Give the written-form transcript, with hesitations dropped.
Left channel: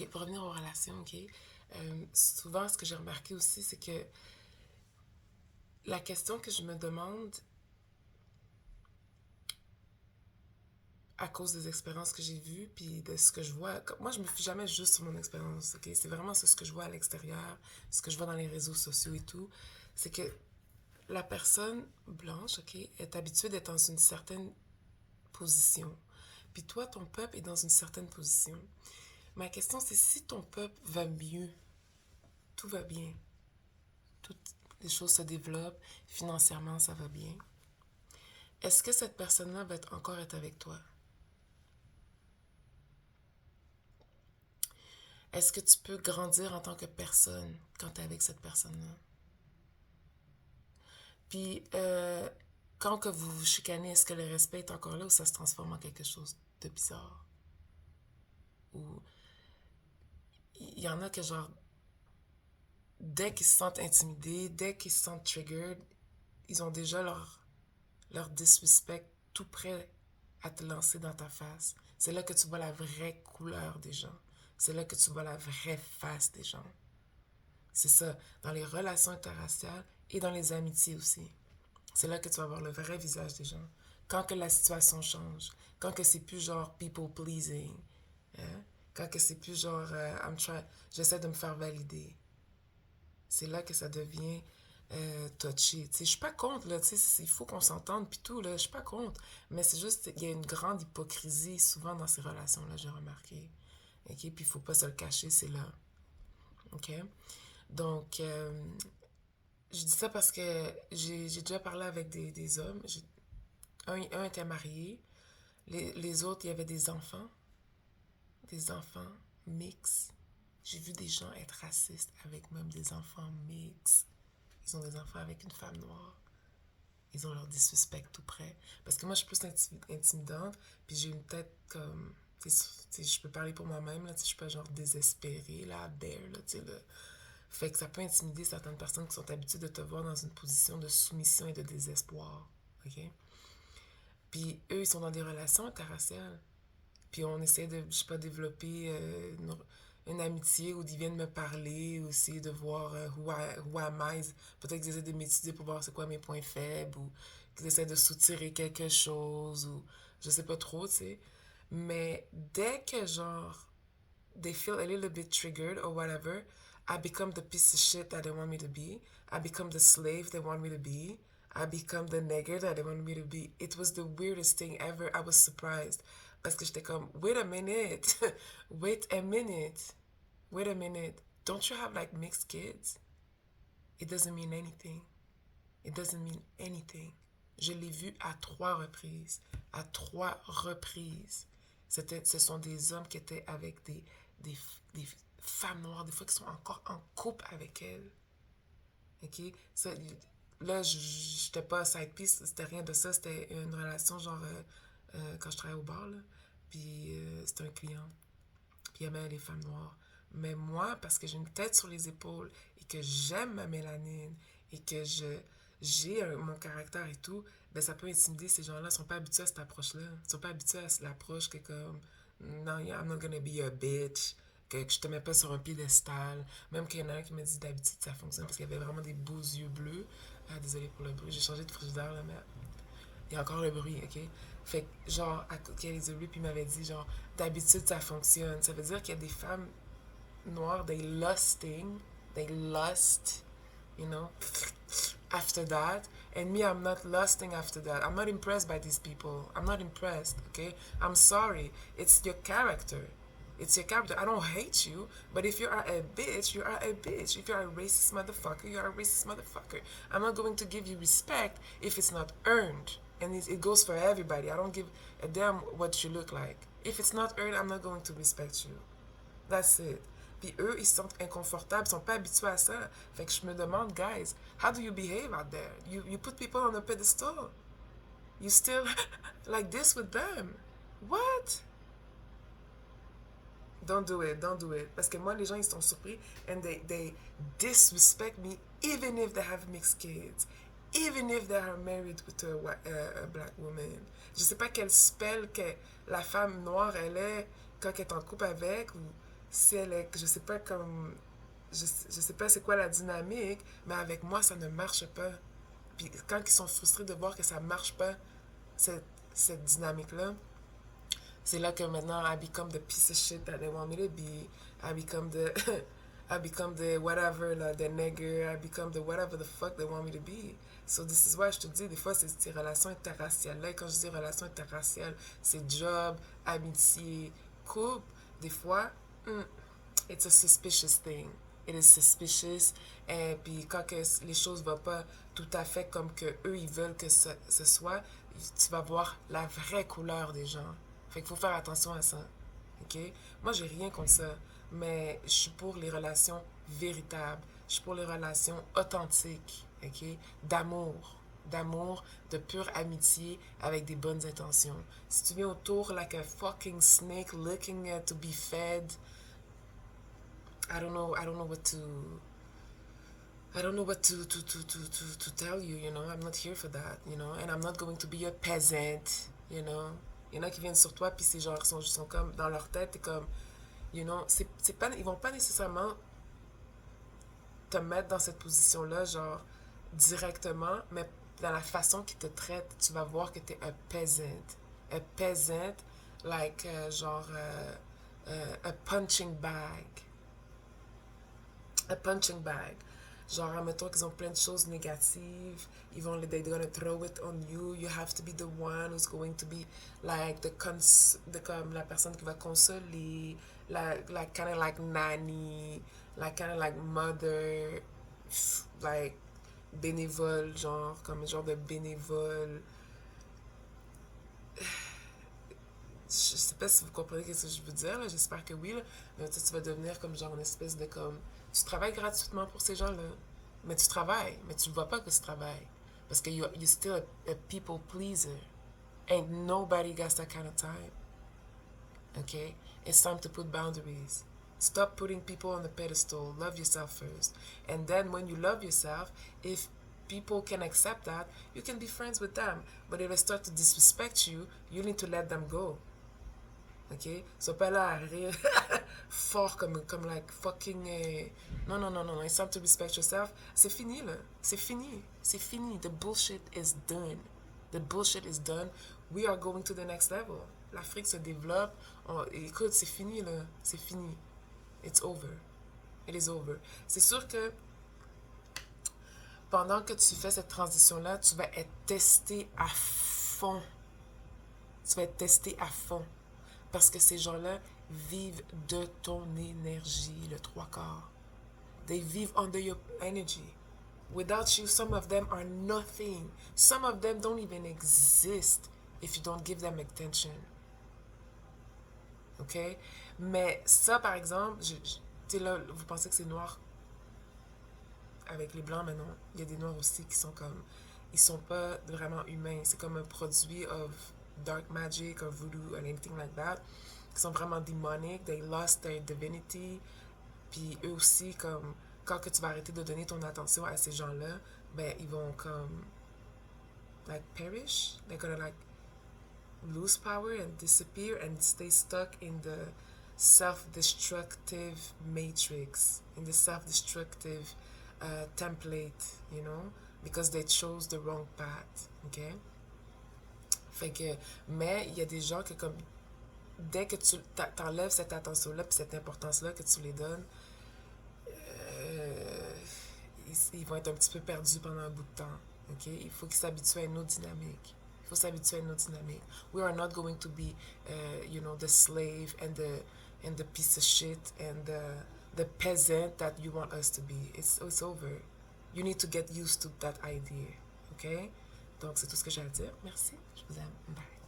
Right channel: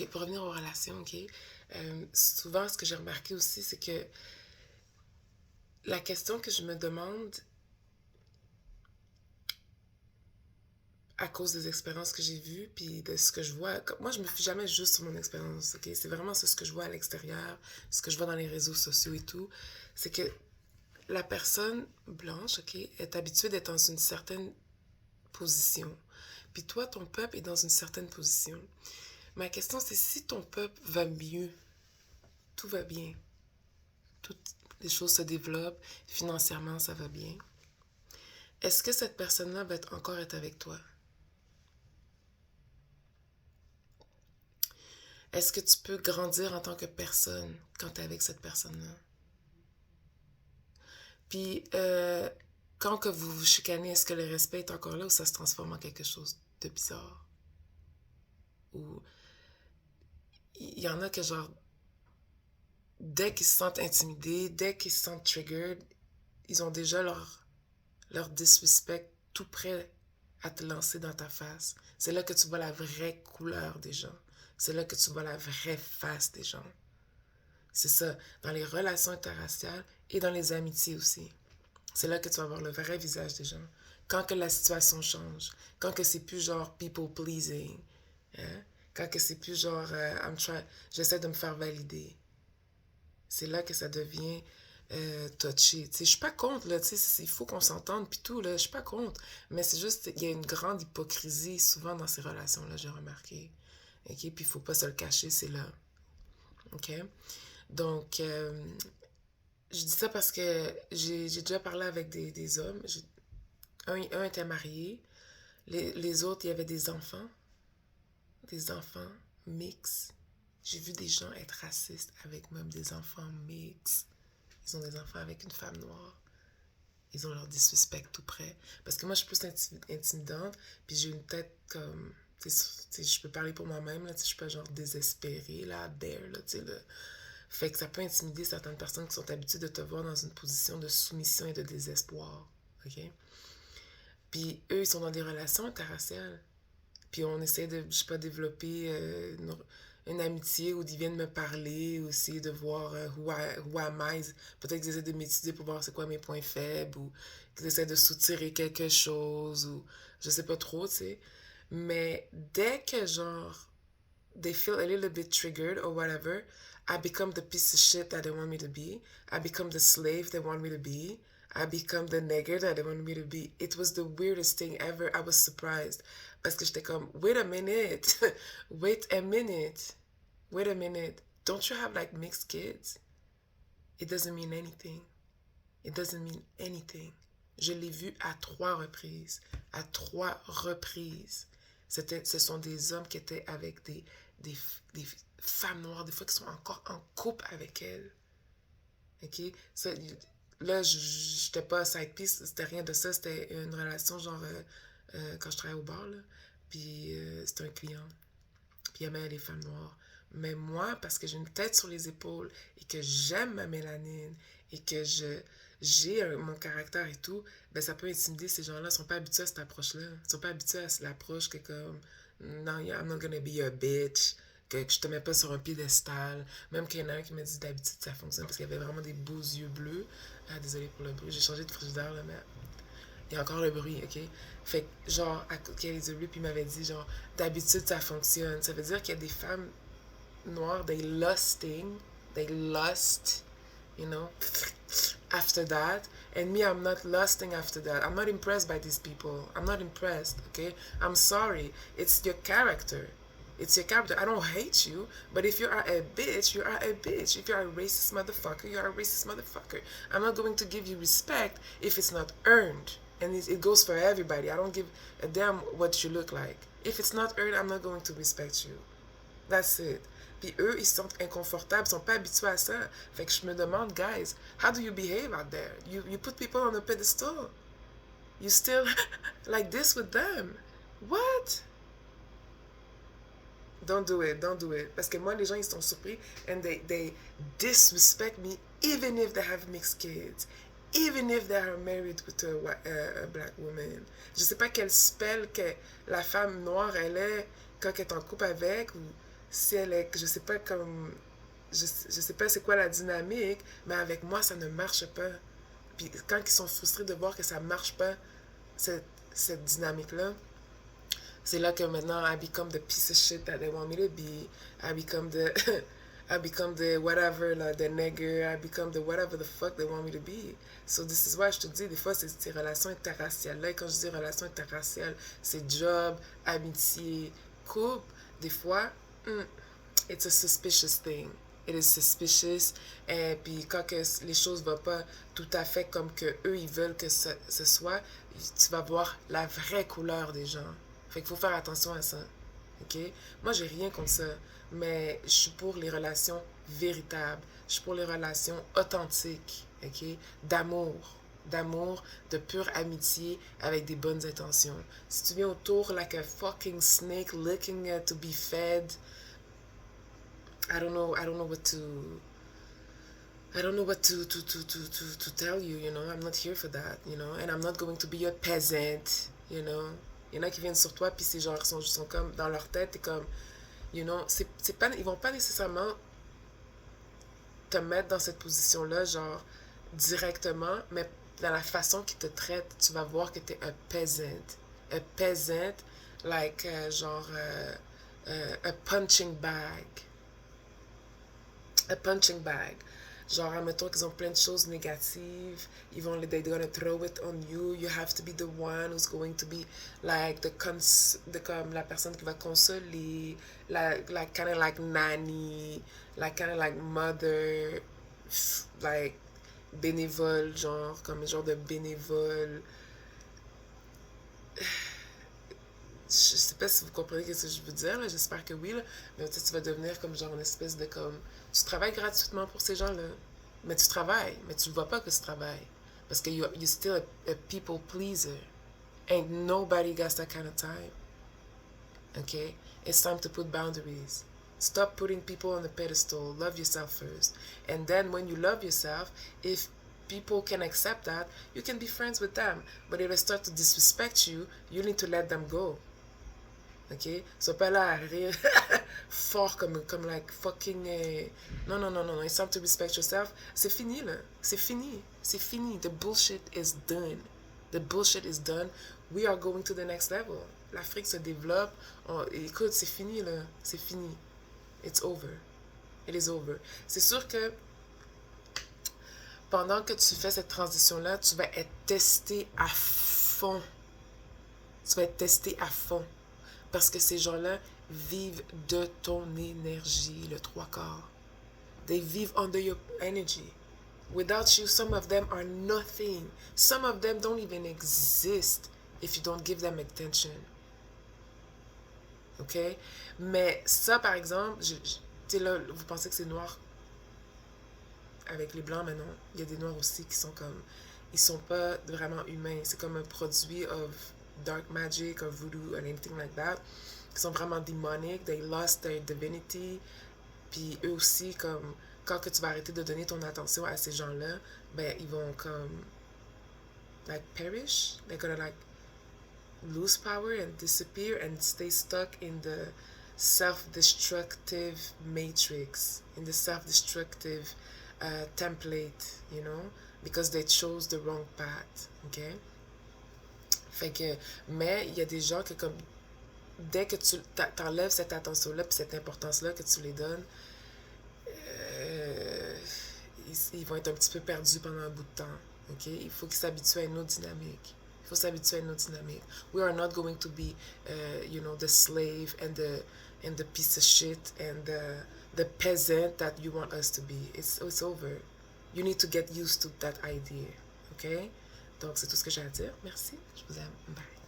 OK, pour revenir aux relations, OK, souvent, ce que j'ai remarqué aussi, c'est que la question que je me demande, à cause des expériences que j'ai vues, puis de ce que je vois, moi, je me fie jamais juste sur mon expérience, OK? C'est vraiment ce que je vois à l'extérieur, ce que je vois dans les réseaux sociaux et tout. C'est que la personne blanche, OK, est habituée d'être dans une certaine position. Puis toi, ton peuple est dans une certaine position. Ma question, c'est si ton peuple va mieux, tout va bien, toutes les choses se développent, financièrement, ça va bien. Est-ce que cette personne-là va encore être avec toi? Est-ce que tu peux grandir en tant que personne quand tu es avec cette personne-là? Puis, quand que vous vous chicanez, est-ce que le respect est encore là ou ça se transforme en quelque chose de bizarre? Ou il y en a que, genre, dès qu'ils se sentent intimidés, dès qu'ils se sentent triggered, ils ont déjà leur disrespect tout prêt à te lancer dans ta face. C'est là que tu vois la vraie couleur des gens. C'est là que tu vois la vraie face des gens. C'est ça, dans les relations interraciales et dans les amitiés aussi. C'est là que tu vas voir le vrai visage des gens. Quand que la situation change, quand que c'est plus genre people pleasing, hein? Quand que c'est plus genre j'essaie de me faire valider. C'est là que ça devient touché. Je suis pas contre, là, il faut qu'on s'entende puis tout, là, je suis pas contre. Mais c'est juste, il y a une grande hypocrisie souvent dans ces relations-là, j'ai remarqué. OK? Puis il faut pas se le cacher, c'est là. OK? Donc, je dis ça parce que j'ai déjà parlé avec des hommes. Un était marié. Les autres, il y avait des enfants mixtes. J'ai vu des gens être racistes avec même des enfants mixtes. Ils ont des enfants avec une femme noire. Ils ont leur disrespect tout près. Parce que moi, je suis plus intimidante, puis j'ai une tête comme... je peux parler pour moi-même, là, je suis pas genre désespérée, là, there, là, tu sais, là. Fait que ça peut intimider certaines personnes qui sont habituées de te voir dans une position de soumission et de désespoir, OK? Puis eux, ils sont dans des relations interraciales. Puis on essaie de, je sais pas, développer une amitié où ils viennent me parler aussi, de voir who am I. Peut-être qu'ils essaient de m'étudier pour voir c'est quoi mes points faibles ou qu'ils essaient de soutirer quelque chose ou je sais pas trop, tu sais. Mais dès que genre they feel a little bit triggered or whatever, I become the piece of shit that they want me to be. I become the slave they want me to be. I become the nigger that they want me to be. It was the weirdest thing ever. I was surprised. Parce que j'étais comme, wait a minute. Wait a minute. Wait a minute. Don't you have like mixed kids? It doesn't mean anything. It doesn't mean anything. Je l'ai vu à 3 reprises. À 3 reprises. Ce sont des hommes qui étaient avec des, des femmes noires, des fois qui sont encore en couple avec elles. OK? Ça, là, j'étais pas side piece, c'était rien de ça. C'était une relation, genre, quand je travaillais au bar, là. Puis c'était un client. Puis il aimait les femmes noires. Mais moi, parce que j'ai une tête sur les épaules et que j'aime ma mélanine et que j'ai mon caractère et tout, ben ça peut intimider ces gens-là. Ils sont pas habitués à cette approche-là. Ils sont pas habitués à l'approche que comme non, I'm not gonna be your bitch, que je te mets pas sur un piédestal. Même qu'il y en a un qui m'a dit d'habitude ça fonctionne parce qu'il y avait vraiment des beaux yeux bleus. Ah, désolé pour le bruit, j'ai changé de frigidaire là, mais il y a encore le bruit, ok? Fait que, genre, qu'il y a les yeux bleus, puis il m'avait dit, genre, d'habitude ça fonctionne. Ça veut dire qu'il y a des femmes noires, they lust, you know, after that. And me, I'm not lusting after that. I'm not impressed by these people. I'm not impressed, okay? I'm sorry. It's your character. It's your character. I don't hate you, but if you are a bitch, you are a bitch. If you are a racist motherfucker, you are a racist motherfucker. I'm not going to give you respect if it's not earned. And it goes for everybody. I don't give a damn what you look like. If it's not earned, I'm not going to respect you. That's it. Puis eux, ils se sentent inconfortables, ils sont pas habitués à ça. Fait que je me demande, guys, how do you behave out there? You put people on a pedestal. You still like this with them. What? Don't do it, don't do it. Parce que moi, les gens, ils sont surpris and they disrespect me even if they have mixed kids. Even if they are married with a black woman. Je sais pas quel spell que la femme noire, elle est quand elle est en couple avec ou si elle est, je sais pas comme, je sais pas c'est quoi la dynamique, mais avec moi, ça ne marche pas. Puis quand ils sont frustrés de voir que ça marche pas, cette, cette dynamique-là, c'est là que maintenant, I become the piece of shit that they want me to be. I become the, I become the whatever, là, the nigger. I become the whatever the fuck they want me to be. So this is why je te dis, des fois, c'est ces relations interraciales. Là, quand je dis relations interraciales, c'est job, amitié, couple. Des fois, it's a suspicious thing. It is suspicious. Et puis quand que les choses ne vont pas tout à fait comme que eux ils veulent que ce soit, tu vas voir la vraie couleur des gens. Fait qu'il faut faire attention à ça. OK? Moi, j'ai rien contre ça. Mais je suis pour les relations véritables. Je suis pour les relations authentiques. OK? D'amour. D'amour, de pure amitié avec des bonnes intentions. Si tu viens autour like a fucking snake looking to be fed, I don't know what to I don't know what to tell you, you know. I'm not here for that, you know. And I'm not going to be a peasant, you know. Il y en a qui viennent sur toi, puis ces gens sont comme, dans leur tête, et comme, you know, c'est pas, ils vont pas nécessairement te mettre dans cette position-là, genre, directement, mais dans la façon qu'ils te traitent, tu vas voir que t'es un peasant. A peasant, like, genre, a punching bag. A punching bag. Genre, admettons qu'ils ont plein de choses négatives. They're gonna throw it on you. You have to be the one who's going to be like comme la personne qui va consoler, like kind of like nanny, like kind of like mother, like bénévole, genre, comme genre de bénévole. Je sais pas si vous comprenez ce que je veux dire, là. J'espère que oui, là. Mais tu vas devenir comme genre une espèce de comme... Tu travailles gratuitement pour ces gens-là. Mais tu travailles, mais tu ne vois pas que tu travailles. Parce que you're still a people pleaser. Ain't nobody got that kind of time. Okay? It's time to put boundaries. Stop putting people on the pedestal. Love yourself first. And then when you love yourself, if people can accept that, you can be friends with them. But if they start to disrespect you, you need to let them go. OK? Sois pas là à rire fort comme like fucking... Non, non, non, non. It's time to respect yourself. C'est fini, là. C'est fini. C'est fini. The bullshit is done. The bullshit is done. We are going to the next level. L'Afrique se développe. Écoute, c'est fini, là. C'est fini. It's over. It is over. C'est sûr que pendant que tu fais cette transition-là, tu vas être testé à fond. Tu vas être testé à fond. Parce que ces gens-là vivent de ton énergie, le trois quarts. They vive under your energy. Without you, some of them are nothing. Some of them don't even exist if you don't give them attention. OK? Mais ça, par exemple, tu sais là, vous pensez que c'est noir avec les blancs, mais non. Il y a des noirs aussi qui sont comme... Ils sont pas vraiment humains. C'est comme un produit of dark magic or voodoo or anything like that. Qui sont vraiment démoniques. They lost their divinity. Puis eux aussi, comme... Quand que tu vas arrêter de donner ton attention à ces gens-là, ben, ils vont comme... Like, perish. They're gonna, like, lose power and disappear and stay stuck in the self-destructive matrix. In the self-destructive template, you know, because they chose the wrong path, ok? Fait que, mais il y a des gens que comme, dès que tu t'enlèves cette attention-là puis cette importance-là que tu les donnes, ils vont être un petit peu perdus pendant un bout de temps, ok? Il faut qu'ils s'habituent à une autre dynamique. Il faut s'habituer à une autre dynamique. We are not going to be, you know, the slave and the piece of shit and the peasant that you want us to be. It's over. You need to get used to that idea. OK? Donc, c'est tout ce que j'ai à dire. Merci. Je vous aime. Bye.